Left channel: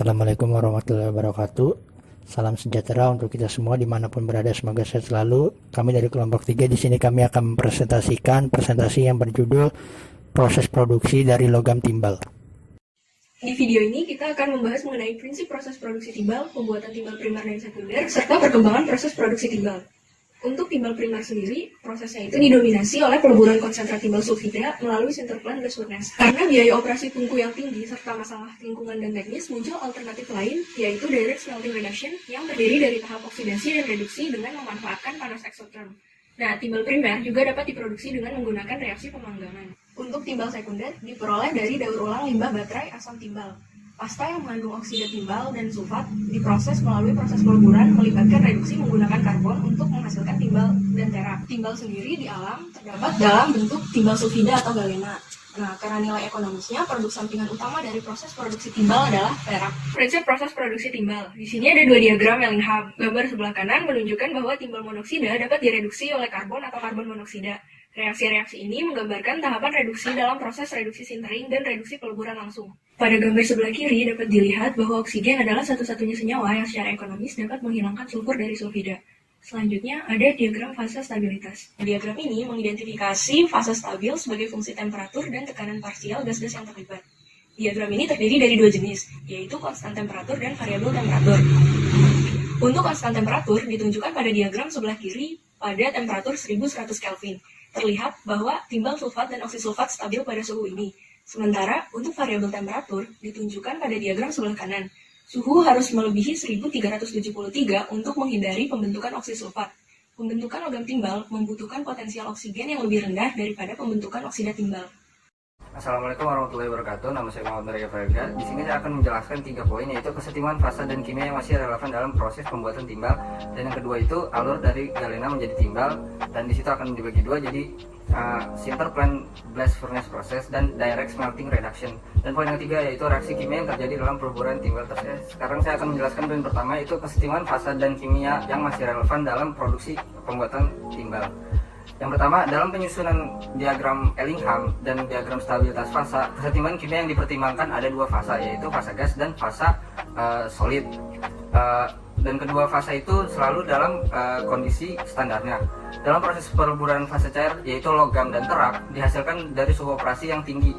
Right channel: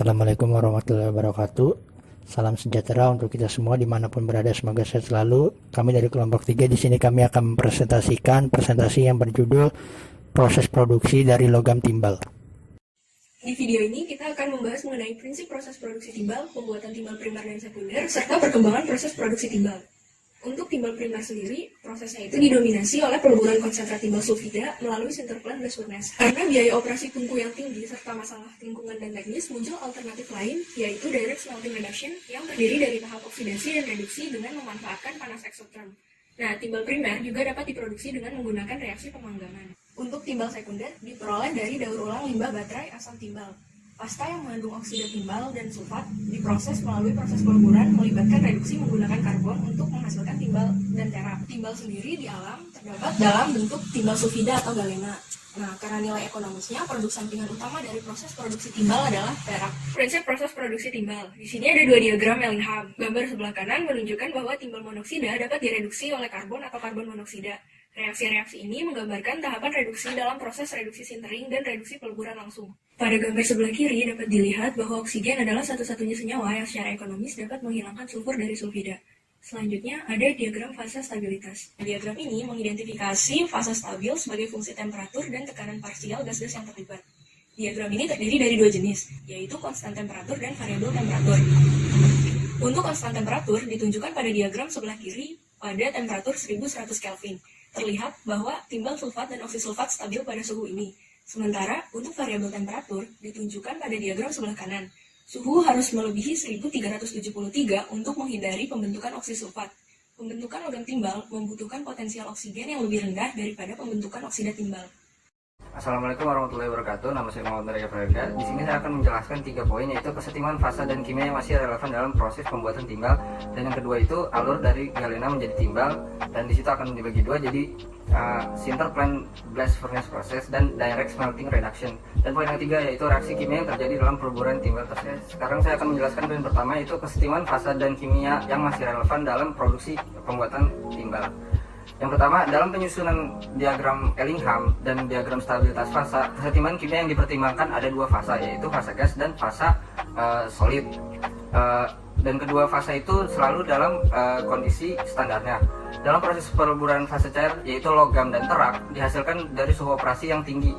Assalamualaikum warahmatullahi wabarakatuh. Salam sejahtera untuk kita semua dimanapun berada. Semoga sehat selalu. Kami dari kelompok 3 di sini kami akan mempresentasikan presentasi yang berjudul proses produksi dari logam timbal. Di video ini kita akan membahas mengenai prinsip proses produksi timbal, pembuatan timbal primer dan sekunder, serta perkembangan proses produksi timbal. Untuk timbal primer sendiri, prosesnya itu didominasi oleh peleburan konsentrat timbal sulfida melalui sinterplant blast furnace. Karena biaya operasi tungku yang tinggi serta masalah lingkungan dan teknis, muncul alternatif lain, yaitu direct smelting reduction yang terdiri dari tahap oksidasi dan reduksi dengan memanfaatkan panas eksoterm. Nah, timbal primer juga dapat diproduksi dengan menggunakan reaksi pemanggangan. Untuk timbal sekunder diperoleh dari daur ulang limbah baterai asam timbal. Pasta yang mengandung oksida timbal dan sulfat diproses melalui proses peleburan melibatkan reduksi menggunakan karbon untuk menghasilkan timbal dan terak. Timbal sendiri di alam terdapat dalam bentuk timbal sulfida atau galena. Nah, karena nilai ekonomisnya, produk sampingan utama dari proses produksi timbal adalah perak. Prinsip proses produksi timbal. Di sini ada dua diagram Ellingham. Gambar sebelah kanan menunjukkan bahwa timbal monoksida dapat direduksi oleh karbon atau karbon monoksida. Reaksi-reaksi ini menggambarkan tahapan reduksi dalam proses reduksi sintering dan reduksi peleburan langsung. Pada gambar sebelah kiri dapat dilihat bahwa oksigen adalah satu-satunya senyawa yang secara ekonomis dapat menghilangkan sulfur dari sulfida. Selanjutnya ada diagram fase stabilitas. Diagram ini mengidentifikasi fase stabil sebagai fungsi temperatur dan tekanan parsial gas-gas yang terlibat. Diagram ini terdiri dari dua jenis, yaitu konstan temperatur dan variabel temperatur. Untuk konstan temperatur ditunjukkan pada diagram sebelah kiri pada temperatur 1100 Kelvin. Terlihat bahwa timbal sulfat dan oksisulfat stabil pada suhu ini. Sementara untuk variabel temperatur ditunjukkan pada diagram sebelah kanan. Suhu harus melebihi 1373 untuk menghindari pembentukan oksisulfat. Pembentukan logam timbal membutuhkan potensial oksigen yang lebih rendah daripada pembentukan oksida timbal. Assalamualaikum warahmatullahi wabarakatuh. Nama saya Muhammad Narya Farida. Di sini saya akan menjelaskan 3 poin, yaitu kesetimbangan fasa dan kimia yang masih relevan dalam proses pembuatan timbal, dan yang kedua itu alur dari galena menjadi timbal, dan di situ akan dibagi dua, jadi sinterplant blast furnace process dan direct smelting reduction. Dan poin yang ketiga yaitu reaksi kimia yang terjadi dalam peleburan timbal tersebut. Sekarang saya akan menjelaskan poin pertama, yaitu kesetimbangan fasa dan kimia yang masih relevan dalam produksi pembuatan timbal. Yang pertama, dalam penyusunan diagram Ellingham dan diagram stabilitas fasa, kesetimbangan kimia yang dipertimbangkan ada dua fasa, yaitu fasa gas dan fasa solid. Dan kedua fasa itu selalu dalam kondisi standarnya. Dalam proses peleburan fase cair, yaitu logam dan terak, dihasilkan dari suhu operasi yang tinggi.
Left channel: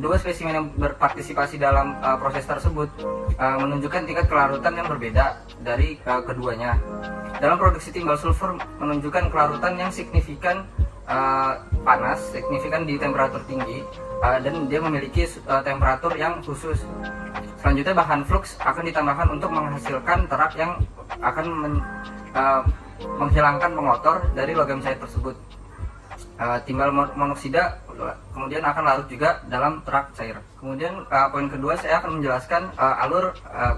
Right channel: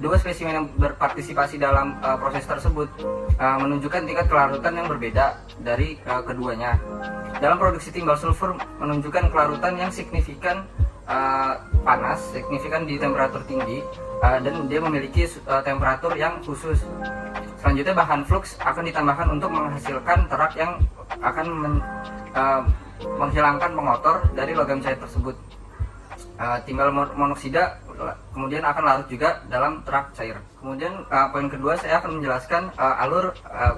Dua spesimen yang berpartisipasi dalam proses tersebut menunjukkan tingkat kelarutan yang berbeda dari keduanya. Dalam produksi timbal sulfur menunjukkan kelarutan yang signifikan panas, signifikan di temperatur tinggi, dan dia memiliki temperatur yang khusus. Selanjutnya bahan flux akan ditambahkan untuk menghasilkan terak yang akan menghilangkan pengotor dari logam cair tersebut. Timbal monoksida kemudian akan larut juga dalam terak cair. Kemudian poin kedua saya akan menjelaskan alur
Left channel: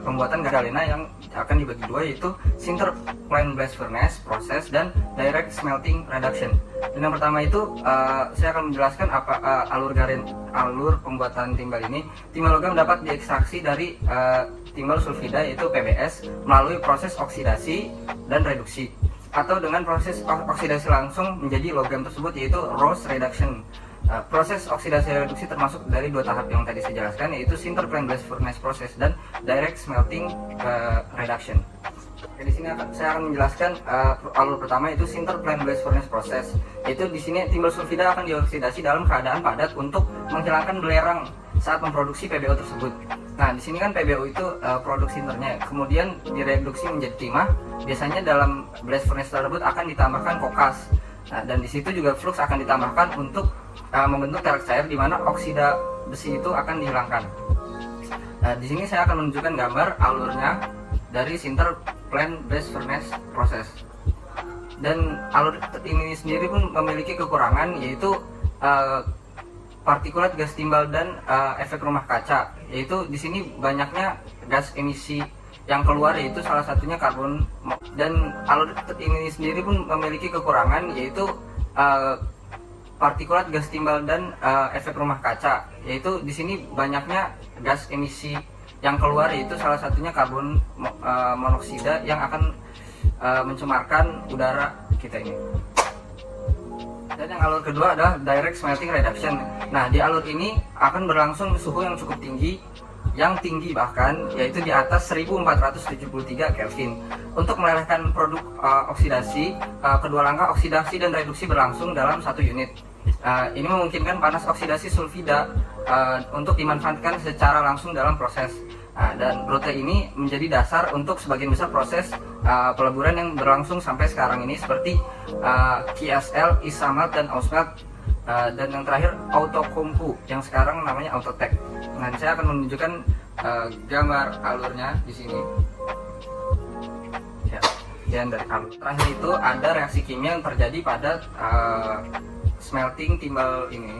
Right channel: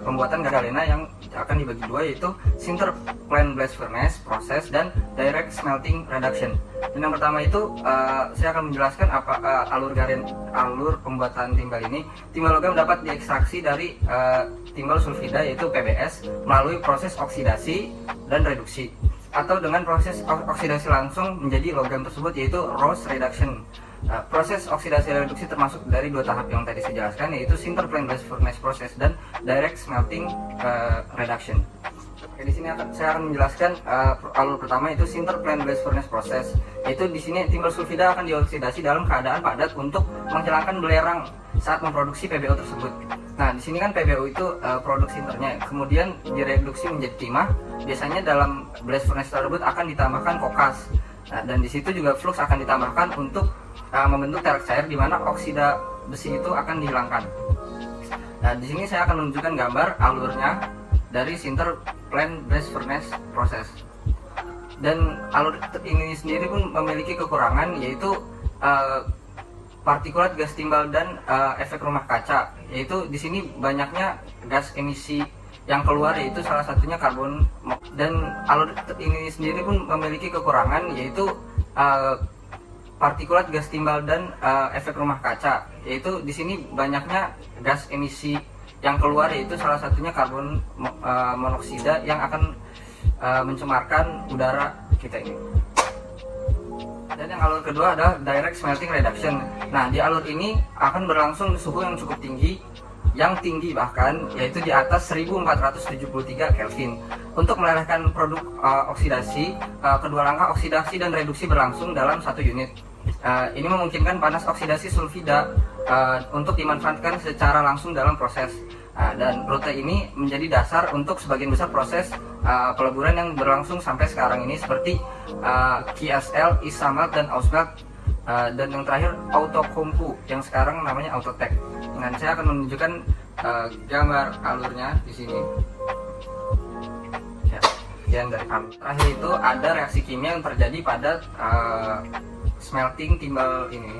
pembuatan galena yang akan dibagi dua, yaitu sinterplant blast furnace proses dan direct smelting reduction. Dan yang pertama itu saya akan menjelaskan apa alur pembuatan timbal ini. Timbal logam dapat diekstraksi dari timbal sulfida yaitu PBS melalui proses oksidasi dan reduksi, atau dengan proses oksidasi langsung menjadi logam tersebut, yaitu Rose reduction. Proses oksidasi reduksi termasuk dari dua tahap yang tadi saya jelaskan, yaitu sinterplant blast furnace process dan direct smelting reduction. Oke, di sini saya akan menjelaskan alur pertama, yaitu sinterplant blast furnace process. Yaitu di sini timbal sulfida akan dioksidasi dalam keadaan padat untuk menghilangkan belerang saat memproduksi PBO tersebut. Nah, di sini kan PBO itu produk sinternya, kemudian direduksi menjadi timah. Biasanya dalam blast furnace tersebut akan ditambahkan kokas. Nah, dan di situ juga flux akan ditambahkan untuk membentuk terak cair, di mana oksida besi itu akan dihilangkan. Nah, di sini saya akan menunjukkan gambar alurnya dari sinterplant blast furnace process. Dan alur ini sendiri pun memiliki kekurangan, yaitu partikulat gas timbal dan efek rumah kaca, yaitu di sini banyaknya gas emisi yang keluar, yaitu salah satunya karbon. Dan alur ini sendiri pun memiliki kekurangan, yaitu partikulat gas timbal dan efek rumah kaca, yaitu di sini banyaknya gas emisi yang keluar, yaitu salah satunya karbon monoksida yang akan mencemarkan udara kita ini. Dan yang alur kedua adalah direct smelting reduction. Nah, di alur ini akan berlangsung suhu yang cukup tinggi yang tinggi bahkan, yaitu di atas 1473 Kelvin. Untuk melelehkan produk oksidasi, kedua langkah oksidasi dan reduksi berlangsung dalam satu unit. Ini memungkinkan panas oksidasi sulfida untuk dimanfaatkan secara langsung dalam proses. Dan protein ini menjadi dasar untuk sebagian besar proses peleburan yang berlangsung sampai sekarang ini, seperti KSL, Isamelt, dan Ausmelt, dan yang terakhir Outokumpu yang sekarang namanya Outotec. Dan saya akan menunjukkan gambar alurnya di sini. Ya, sekian dari kami. Terakhir itu ada reaksi kimia yang terjadi pada smelting timbal ini.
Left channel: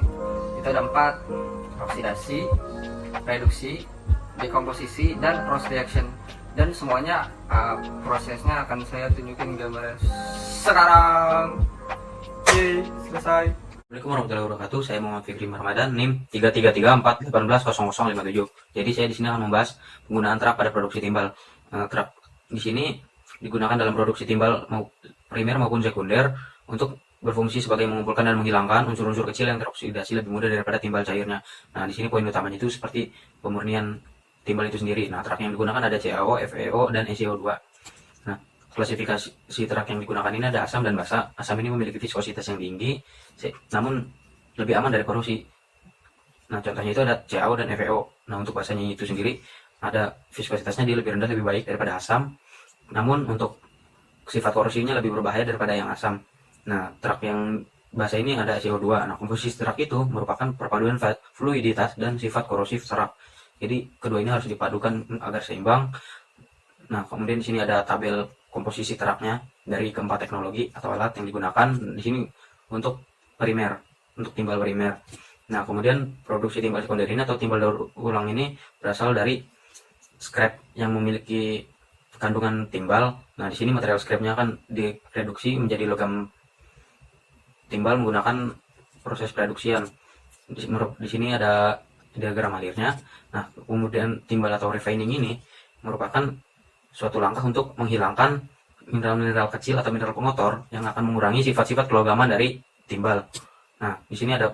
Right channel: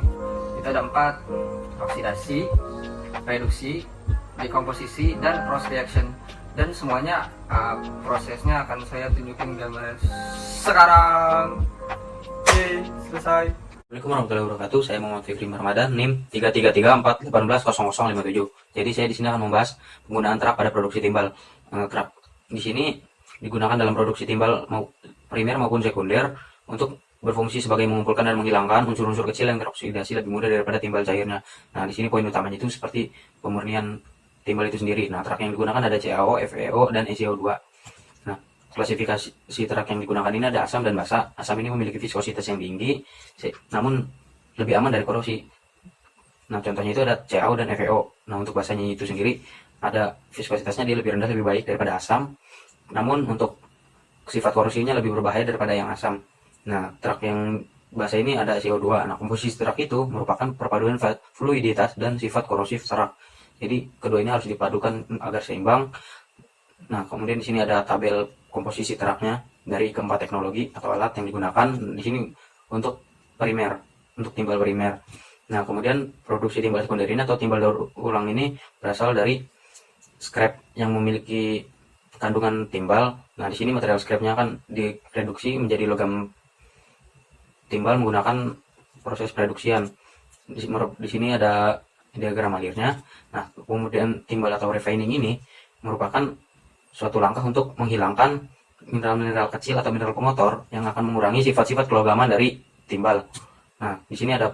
Itu ada 4: oksidasi, reduksi, dekomposisi, dan cross reaction. Dan semuanya prosesnya akan saya tunjukin gambarnya sekarang. Oke, selesai. Assalamualaikum warahmatullahi wabarakatuh. Saya Muhammad Fikri Ramadan, NIM 3334180057. Jadi saya di sini akan membahas penggunaan terak pada produksi timbal. Terak di sini digunakan dalam produksi timbal primer maupun sekunder untuk berfungsi sebagai mengumpulkan dan menghilangkan unsur-unsur kecil yang teroksidasi lebih mudah daripada timbal cairnya. Nah, di sini poin utamanya itu seperti pemurnian timbal itu sendiri. Nah, terak yang digunakan ada CaO, FeO, dan ECO2. Nah, klasifikasi terak yang digunakan ini ada asam dan basa. Asam ini memiliki viskositas yang tinggi, namun lebih aman dari korosi. Nah, contohnya itu ada CaO dan FeO. Nah, untuk basanya itu sendiri ada viskositasnya dia lebih rendah, lebih baik daripada asam. Namun untuk sifat korosinya lebih berbahaya daripada yang asam. Nah, terak yang basa ini ada CO2. Nah, komposisi terak itu merupakan perpaduan fluiditas dan sifat korosif terak. Jadi kedua ini harus dipadukan agar seimbang. Nah, kemudian di sini ada tabel komposisi teraknya dari keempat teknologi atau alat yang digunakan di sini untuk primer, untuk timbal primer. Nah, kemudian produksi timbal sekunder ini atau timbal daur ulang ini berasal dari scrap yang memiliki kandungan timbal. Nah, di sini material scrapnya akan direduksi menjadi logam timbal menggunakan proses reduksian. Di sini ada diagram alirnya. Nah, kemudian timbal atau refining ini merupakan suatu langkah untuk menghilangkan mineral-mineral kecil atau mineral pengotor yang akan mengurangi sifat-sifat kelogaman dari timbal. Nah, di sini ada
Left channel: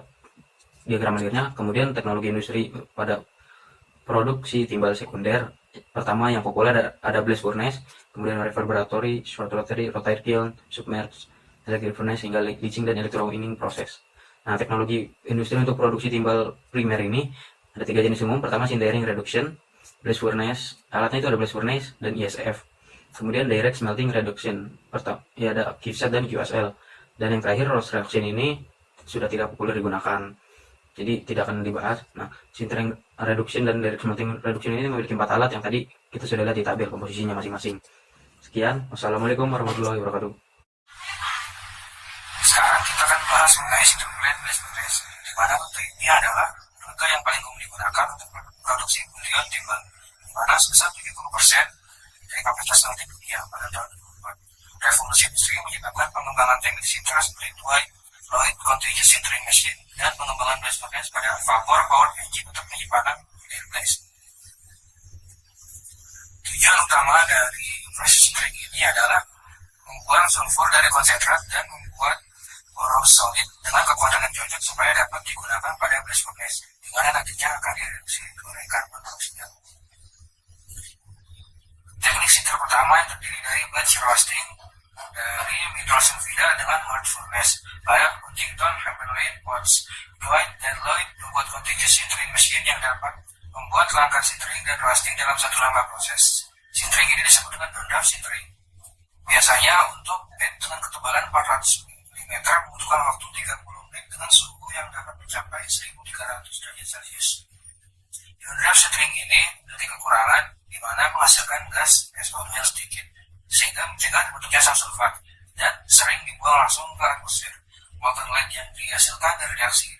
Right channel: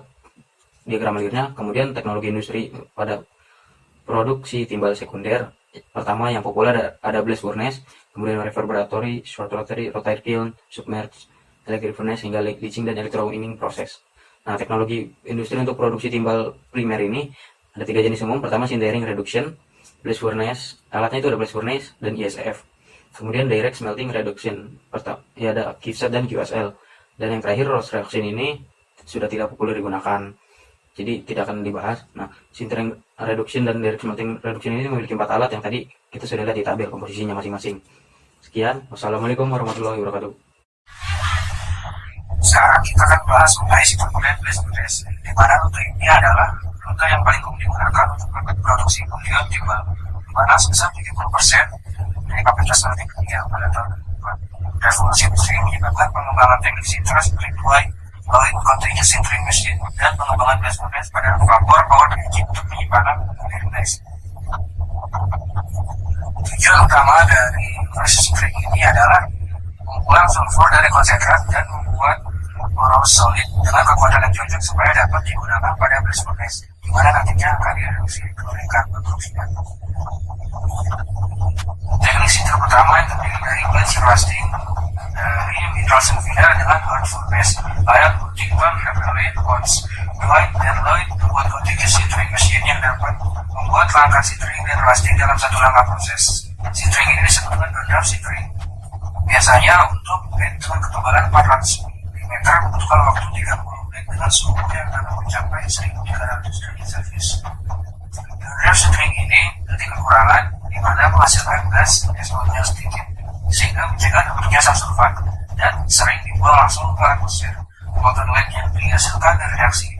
diagram alirnya. Kemudian teknologi industri pada produksi timbal sekunder. Pertama yang populer ada blast furnace, kemudian reverberatory, short rotary, rotary kiln, submerged, electric furnace, hingga leaching dan electrowinning proses. Nah, teknologi industri untuk produksi timbal primer ini ada 3 jenis umum. Pertama sintering reduction, blast furnace, alatnya itu ada blast furnace dan ISF. Kemudian direct smelting reduction, ya ada KIVSET dan QSL. Dan yang terakhir roast reaction ini sudah tidak populer digunakan, jadi tidak akan dibahas. Nah, sintering reduction dan direct smelting reduction ini memiliki 4 alat yang tadi kita sudah lihat di tabel komposisinya masing-masing. Sekian, wassalamualaikum warahmatullahi wabarakatuh. Sekarang kita akan bahas mengenai sistem blast furnace, di mana rute ini adalah rute yang paling umum digunakan untuk produksi bulion timbal, di mana sebesar 70% dari kapasitas smelting dunia pada tahun 2004. Revolusi industri menyebabkan pengembangan teknik sinter seperti fluid continuous sintering machine dan pengembangan blast furnace pada vapor power engine untuk penyimpanan bulion gas. Tujuan utama dari proses sintering ini adalah membuang sulfur dari konsentrat dan membuat poros solid dengan kekuatan yang cocok supaya dapat digunakan pada blast furnace, di mana nantinya akan direduksi klorin karbon dioksida. Teknik sinter pertama yang terdiri dari batch roasting dari mineral sulfida dengan hot furnace layak Huntington, Hammerley, Watts, Dwight, dan Lloyd membuat continuous sintering machine yang dapat membuat langkah sintering dan roasting dalam satu langkah proses. Sintering ini disebut dengan burn-off sintering. Biasanya untuk bed dengan ketebalan 400 mm membutuhkan waktu 30 menit dengan suhu yang dapat mencapai 1300 derajat Celcius. Burn-off sintering ini memiliki kekurangan di mana menghasilkan gas SO2 yang sedikit sehingga mencegah terbentuknya asam sulfat dan sering dibuang langsung ke atmosfer. Molten lead yang dihasilkan dari reaksi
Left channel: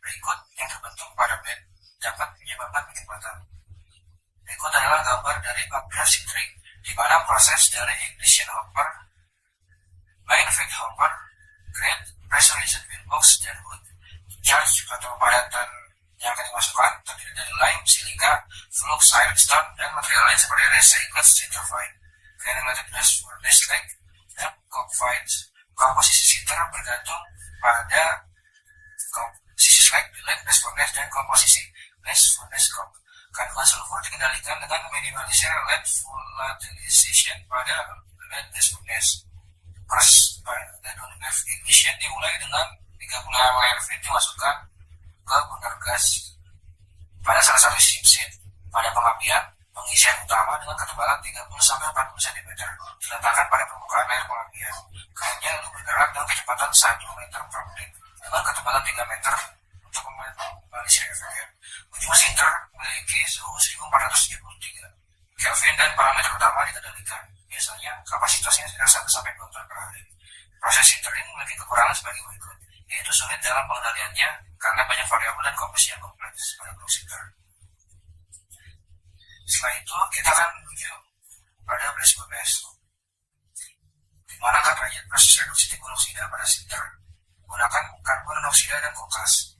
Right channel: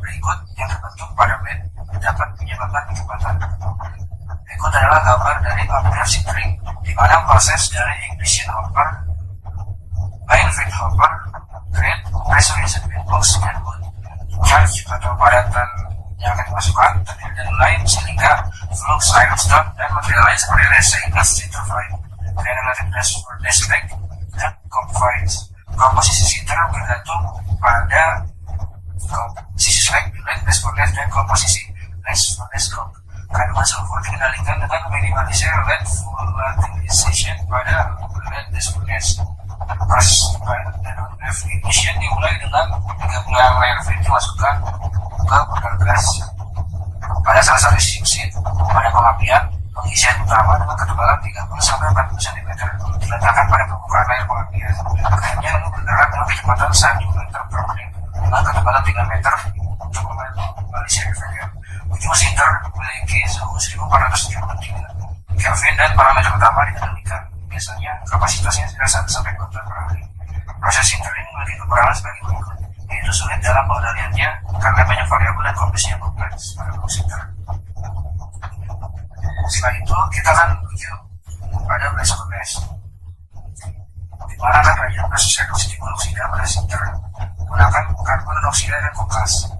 berikut yang terbentuk pada bed dapat menyebabkan kecepatan. Berikut adalah gambar dari updraft sintering, di mana proses dari ignition hopper, main feed hopper, grate, pressurization windbox, dan hood. Charge atau padatan yang akan dimasukkan terdiri dari lime, silica, flux, ironstone, dan material lain seperti resin, gas, interfine, granulated blast furnace slag, dan cockfights. Komposisi sinter bergantung pada komposisi slag, bilek, blast furnace, dan komposisi blast furnace cock. Kandungan sulfur dikendalikan dengan minimalisir lead volatilization pada lead furnace. Proses non-wave ignition dimulai dengan 30 air feed dimasukkan ke burner gas. Pada salah satu ship pada pengapian, pengisian utama dengan ketebalan 30-40 cm diletakkan pada permukaan air pengapian. Akhirnya lalu bergerak dengan kecepatan 1 meter per menit dengan ketebalan 3 meter untuk memalisir efeknya. Ujung sinter memiliki suhu 1473 Kelvin dan parameter utama dikendalikan. Biasanya kapasitasnya sekitar 1-2 ton per hari. Proses sinter ini memiliki kekurangan sebagai berikut, yaitu sulit dalam pengendaliannya karena banyak variabel dan komplексnya kompleks pada sinter. Setelah itu kita akan menuju pada blast furnace, di mana akan terjadi proses reduksi timbul oksida pada sinter menggunakan karbon monoksida dan kokas.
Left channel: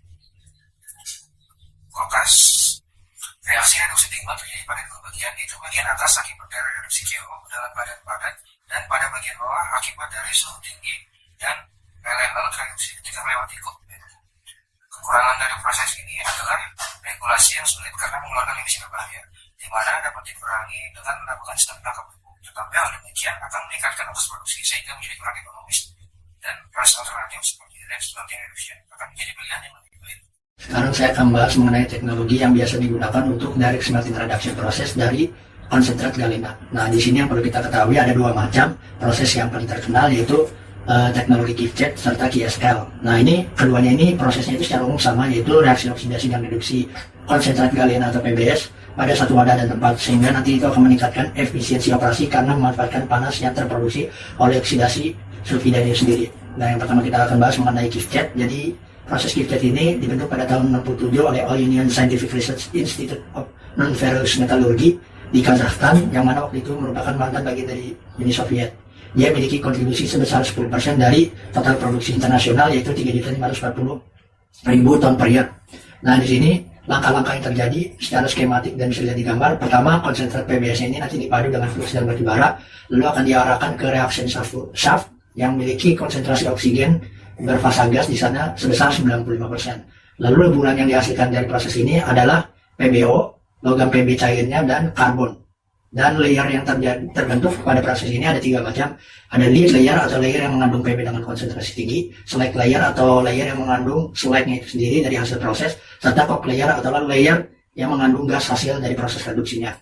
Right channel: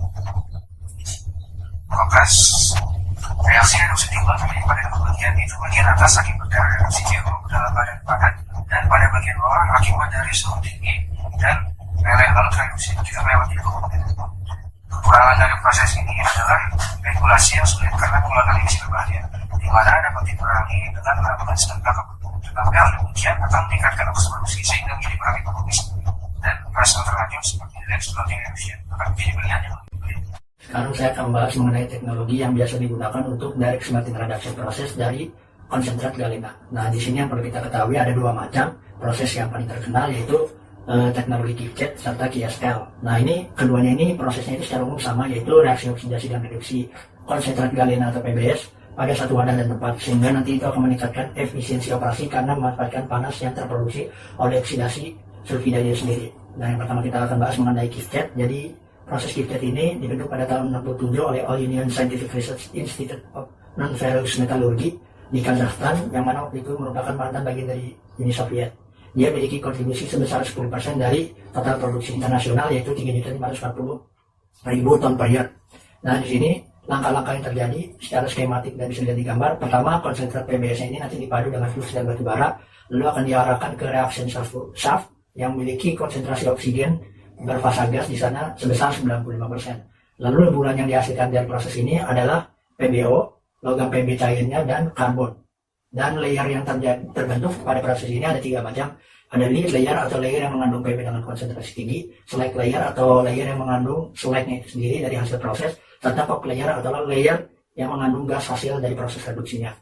Reaksi reduksi timbul terjadi pada dua bagian, yaitu bagian atas akibat dari reduksi CO dalam badan padat dan pada bagian bawah akibat dari suhu tinggi dan laut reduksi ketika melewati komponen. Kekurangan dari proses ini adalah regulasi yang sulit karena mengeluarkan emisi berbahaya, di mana dapat dikurangi dengan melakukan sistem backup. Tetapi hal demikian akan meningkatkan ongkos produksi sehingga menjadi kurang ekonomis, dan proses alternatif seperti lens floating reduction akan menjadi pilihan yang lebih baik. Sekarang saya akan bahas mengenai teknologi yang biasa digunakan untuk direct smelting reduction proses dari konsentrat galena. Nah, di sini yang perlu kita ketahui ada dua macam proses yang paling terkenal, yaitu teknologi Kief-Jet serta KSL. Nah, ini keduanya ini prosesnya itu secara umum sama, yaitu reaksi oksidasi dan reduksi konsentrat galena atau PBS pada satu wadah dan tempat, sehingga nanti itu akan meningkatkan efisiensi operasi karena memanfaatkan panas yang terproduksi oleh oksidasi sulfidanya sendiri. Nah, yang pertama kita akan bahas mengenai Kief-Jet. Jadi proses Kief-Jet ini dibentuk pada tahun 67 oleh All Union Scientific Research Institute of Non-Ferrous Metallurgy di Kazakhstan, yang mana waktu itu merupakan mantan bagian dari Uni Soviet. Dia memiliki kontribusi sebesar 10% dari total produksi internasional, yaitu 3.540.000 ton per year. Nah, di sini langkah-langkah yang terjadi secara skematik dan bisa dilihat di gambar. Pertama, konsentrat PBS ini nanti dipadu dengan flux dan batubara, lalu akan diarahkan ke reaction shaft yang memiliki konsentrasi oksigen berfasa gas di sana sebesar 95%. Lalu bulan yang dihasilkan dari proses ini adalah PBO, logam PB cairnya, dan karbon. Dan layer yang terbentuk pada proses ini ada 3 macam. Ada lead layer atau layer yang mengandung PB dengan konsentrasi tinggi, slag layer atau layer yang mengandung slagnya itu sendiri dari hasil proses, serta coke layer atau layer yang mengandung gas hasil dari proses reduksinya.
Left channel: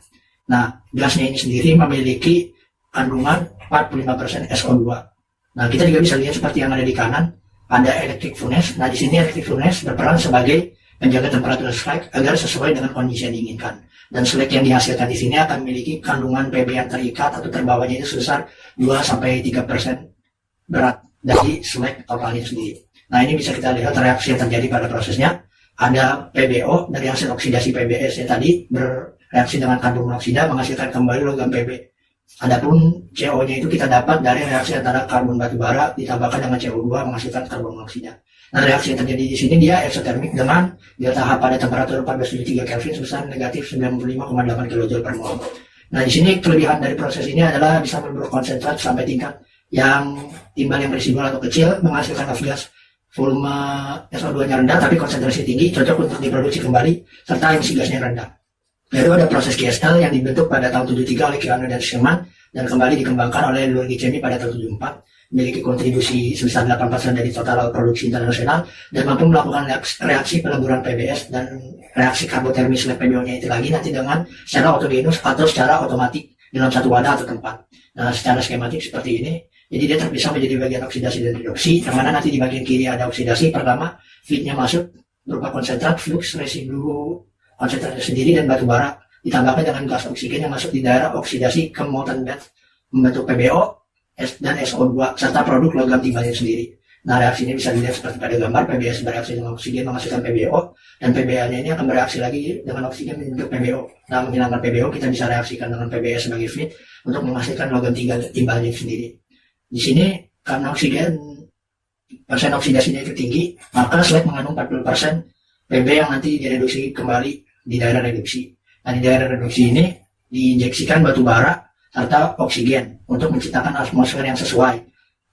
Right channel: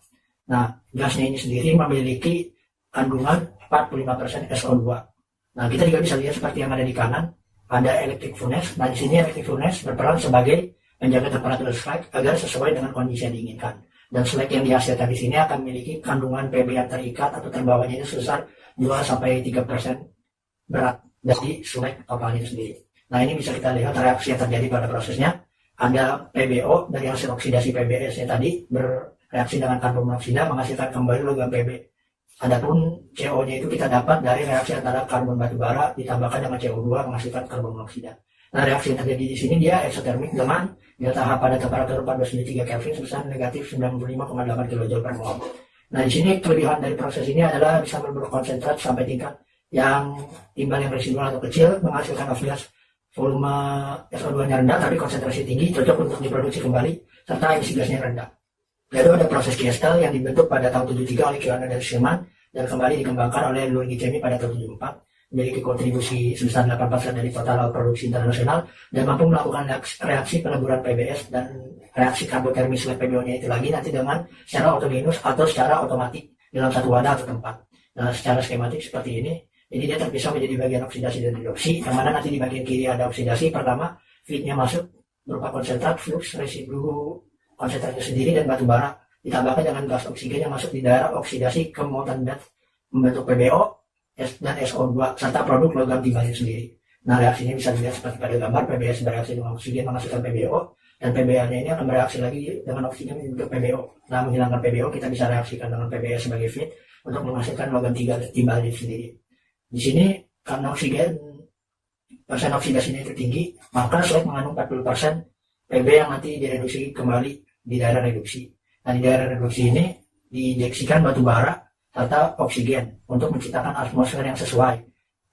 Nah, gasnya ini sendiri memiliki kandungan 45% SO2. Nah, kita juga bisa lihat seperti yang ada di kanan, ada electric furnace. Nah, di sini electric furnace berperan sebagai menjaga temperatur slag agar sesuai dengan kondisi yang diinginkan. Dan slag yang dihasilkan di sini akan memiliki kandungan PB yang terikat atau terbawanya itu sebesar 2-3% berat dari slag totalnya sendiri. Nah, ini bisa kita lihat reaksi yang terjadi pada prosesnya. Ada PBO dari hasil oksidasi PBS-nya tadi bereaksi dengan karbon monoksida menghasilkan kembali logam PB. Adapun CO-nya itu kita dapat dari reaksi antara karbon batubara ditambahkan dengan CO2 menghasilkan karbon monoksida. Nah, reaksi yang terjadi di sini dia eksotermik dengan delta H pada temperatur 14,3 Kelvin sebesar negatif 95,8 kJ per mol. Nah, di sini kelebihan dari proses ini adalah bisa berkonsentrat sampai tingkat yang timbal yang residual atau kecil, menghasilkan off gas volume SO2-nya rendah tapi konsentrasi tinggi, cocok untuk diproduksi kembali, serta emisi gasnya rendah. Lalu ada proses KSL yang dibentuk pada tahun 73 oleh Keanu dan Sherman dan kembali dikembangkan oleh Lurgi Chemi pada tahun 74. Memiliki kontribusi sebesar 8% dari total produksi internasional dan mampu melakukan reaksi peleburan PBS dan reaksi karbotermis PBO-nya itu lagi nanti dengan secara autogenus atau secara otomatis dalam satu wadah atau tempat. Nah, secara skematik seperti ini. Jadi dia terpisah menjadi bagian oksidasi dan reduksi, yang mana nanti di bagian kiri ada oksidasi. Pertama, feed-nya masuk berupa konsentrat, flux, residu konsentratnya sendiri dan batubara, ditambahkan dengan gas oksigen yang masuk di daerah oksidasi ke molten bed membentuk PBO dan SO2 serta produk logam timbalnya sendiri. Nah, reaksi ini bisa dilihat seperti pada gambar. PBS bereaksi dengan oksigen menghasilkan PBO, dan PBL-nya ini akan bereaksi lagi dengan oksigen membentuk PBO. Nah, menghilangkan PBO kita bisa reaksikan dengan PBS sebagai feed untuk menghasilkan logam timbalnya sendiri. Di sini karena persen oksidasinya itu tinggi, maka slag mengandung 40% PB yang nanti direduksi kembali di daerah reduksi. Nah, di daerah reduksi ini diinjeksikan batu bara serta oksigen untuk menciptakan atmosfer yang sesuai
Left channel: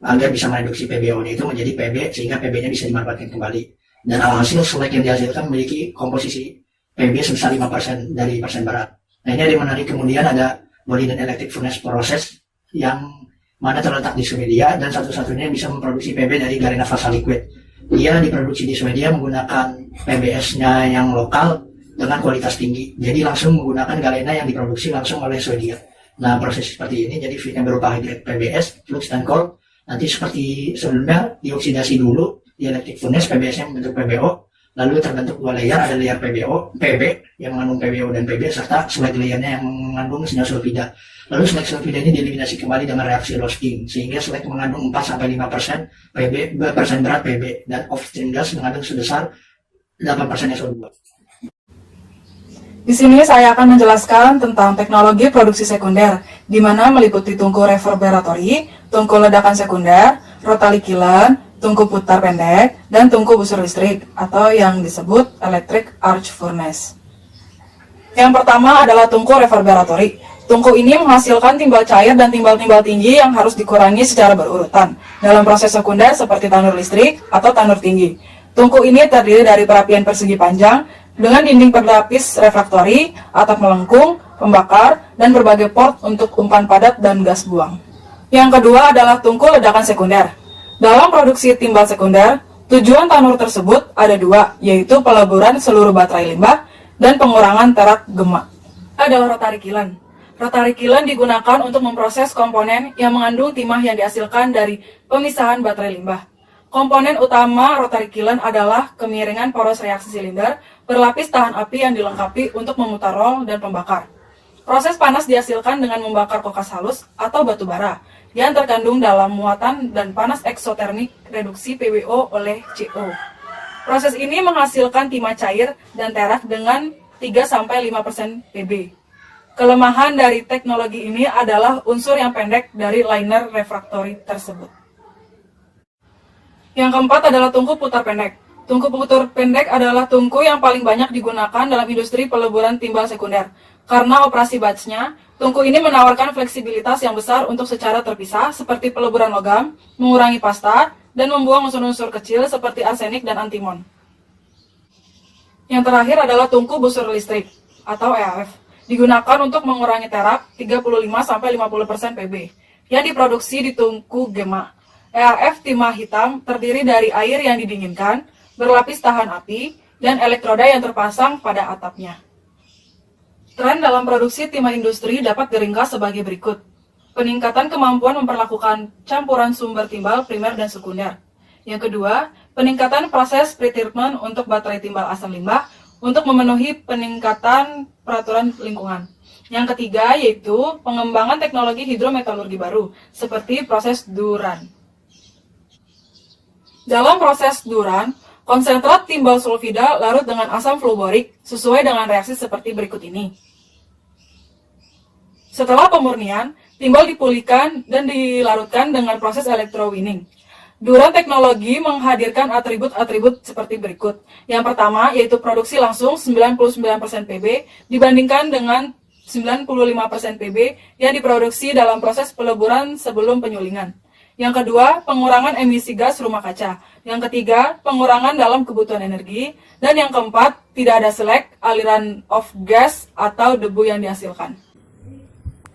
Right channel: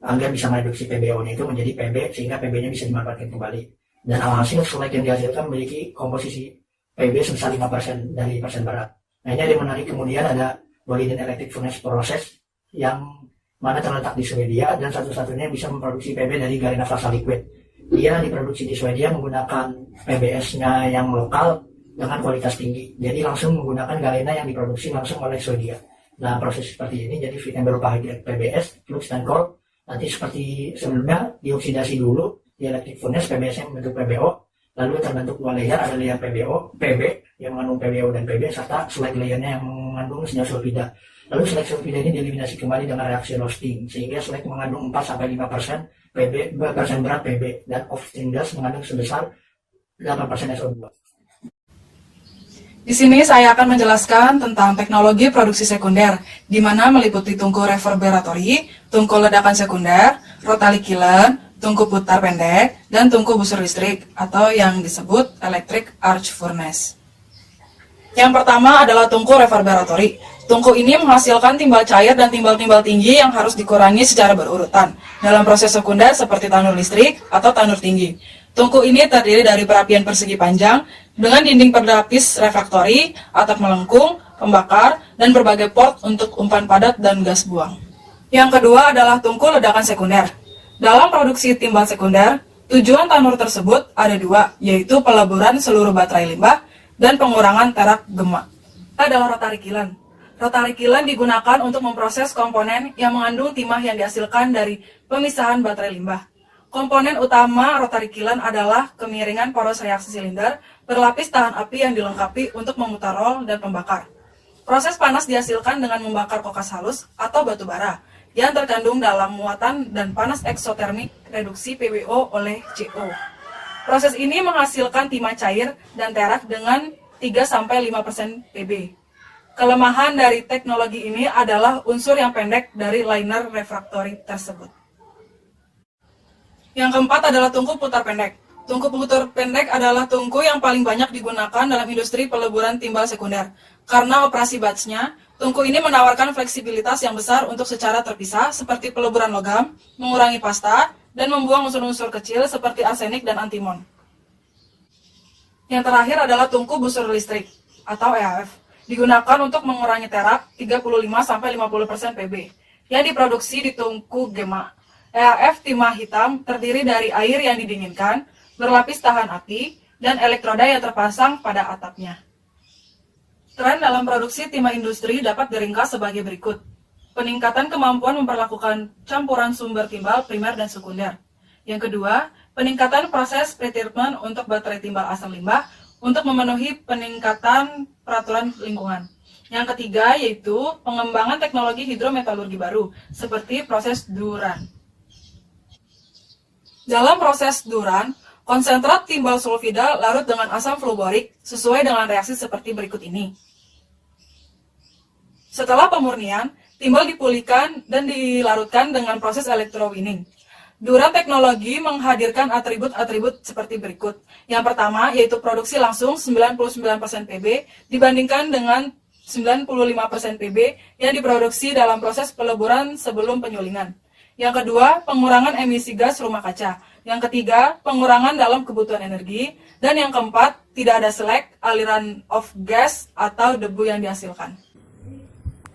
agar bisa mereduksi PBO-nya itu menjadi PB sehingga PB-nya bisa dimanfaatkan kembali. Dan alhasil slag yang dihasilkan memiliki komposisi PB sebesar 5% dari persen barat. Nah, ini ada yang menarik. Kemudian ada body dan electric furnace proses yang mana terletak di Swedia dan satu-satunya yang bisa memproduksi PB dari galena fasa liquid. Dia diproduksi di Swedia menggunakan PBS-nya yang lokal dengan kualitas tinggi. Jadi langsung menggunakan galena yang diproduksi langsung oleh Swedia. Nah, proses seperti ini jadi feed yang berupa hydride PBS, flux dan cold. Nanti seperti sebelumnya dioksidasi dulu di electric furnace, PBS-nya membentuk PBO. Lalu terbentuk dua layer, ada layer PB yang mengandung PBO dan PB serta slag layernya yang mengandung senyawa sulfida. Lalu slag sulfida ini dieliminasi kembali dengan reaksi roasting sehingga slag mengandung 4-5% persen berat PB dan off-stream gas mengandung sebesar 8% SO2. Di sini saya akan menjelaskan tentang teknologi produksi sekunder, di mana meliputi tungku reverberatori, tungku ledakan sekunder, rotary kiln, tungku putar pendek, dan tungku busur listrik atau yang disebut electric arc furnace. Yang pertama adalah tungku reverberatori. Tungku ini menghasilkan timbal cair dan timbal-timbal tinggi yang harus dikurangi secara berurutan dalam proses sekunder seperti tanur listrik atau tanur tinggi. Tungku ini terdiri dari perapian persegi panjang dengan dinding berlapis refraktori, atap melengkung, pembakar, dan berbagai port untuk umpan padat dan gas buang. Yang kedua adalah tungku ledakan sekunder. Dalam produksi timbal sekunder, tujuan tanur tersebut ada dua, yaitu peleburan seluruh baterai limbah dan pengurangan terak gema. Adalah rotary kiln. Rotary kiln digunakan untuk memproses komponen yang mengandung timah yang dihasilkan dari pemisahan baterai limbah. Komponen utama rotary kiln adalah kemiringan poros reaksi silinder berlapis tahan api yang dilengkapi untuk memutar rol dan pembakar. Proses panas dihasilkan dengan membakar kokas halus atau batu bara yang terkandung dalam muatan dan panas eksotermik reduksi PBO oleh CO. Proses ini menghasilkan timah cair dan terak dengan 3-5% PB. Kelemahan dari teknologi ini adalah unsur yang pendek dari liner refraktori tersebut. Yang keempat adalah tungku putar pendek. Tungku putar pendek adalah tungku yang paling banyak digunakan dalam industri peleburan timbal sekunder. Karena operasi batchnya, tungku ini menawarkan fleksibilitas yang besar untuk secara terpisah seperti peleburan logam, mengurangi pasta, dan membuang unsur-unsur kecil seperti arsenik dan antimon. Yang terakhir adalah tungku busur listrik atau EAF. Digunakan untuk mengurangi terak 35-50% PB yang diproduksi di tungku gema. EAF timah hitam terdiri dari air yang didinginkan, berlapis tahan api, dan elektroda yang terpasang pada atapnya. Tren dalam produksi timah industri dapat diringkas sebagai berikut. Peningkatan kemampuan memperlakukan campuran sumber timbal primer dan sekunder. Yang kedua, peningkatan proses pretreatment untuk baterai timbal asam limbah untuk memenuhi peningkatan peraturan lingkungan. Yang ketiga yaitu pengembangan teknologi hidrometalurgi baru, seperti proses Duran. Dalam proses Duran, konsentrat timbal sulfida larut dengan asam fluorik sesuai dengan reaksi seperti berikut ini. Setelah pemurnian, timbal dipulihkan dan dilarutkan dengan proses electrowinning. Duran teknologi menghadirkan atribut-atribut seperti berikut. Yang pertama yaitu produksi langsung 99% PB dibandingkan dengan 95% PB yang diproduksi dalam proses peleburan sebelum penyulingan. Yang kedua, pengurangan emisi gas rumah kaca. Yang ketiga, pengurangan dalam kebutuhan energi. Dan yang keempat, tidak ada slag, aliran of gas, atau debu yang dihasilkan.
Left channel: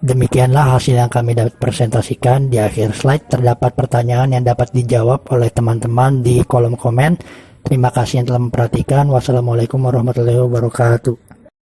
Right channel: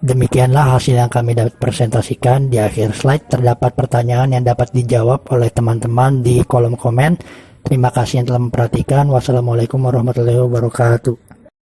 Demikianlah hasil yang kami dapat presentasikan. Di akhir slide terdapat pertanyaan yang dapat dijawab oleh teman-teman di kolom komen. Terima kasih yang telah memperhatikan. Wassalamualaikum warahmatullahi wabarakatuh.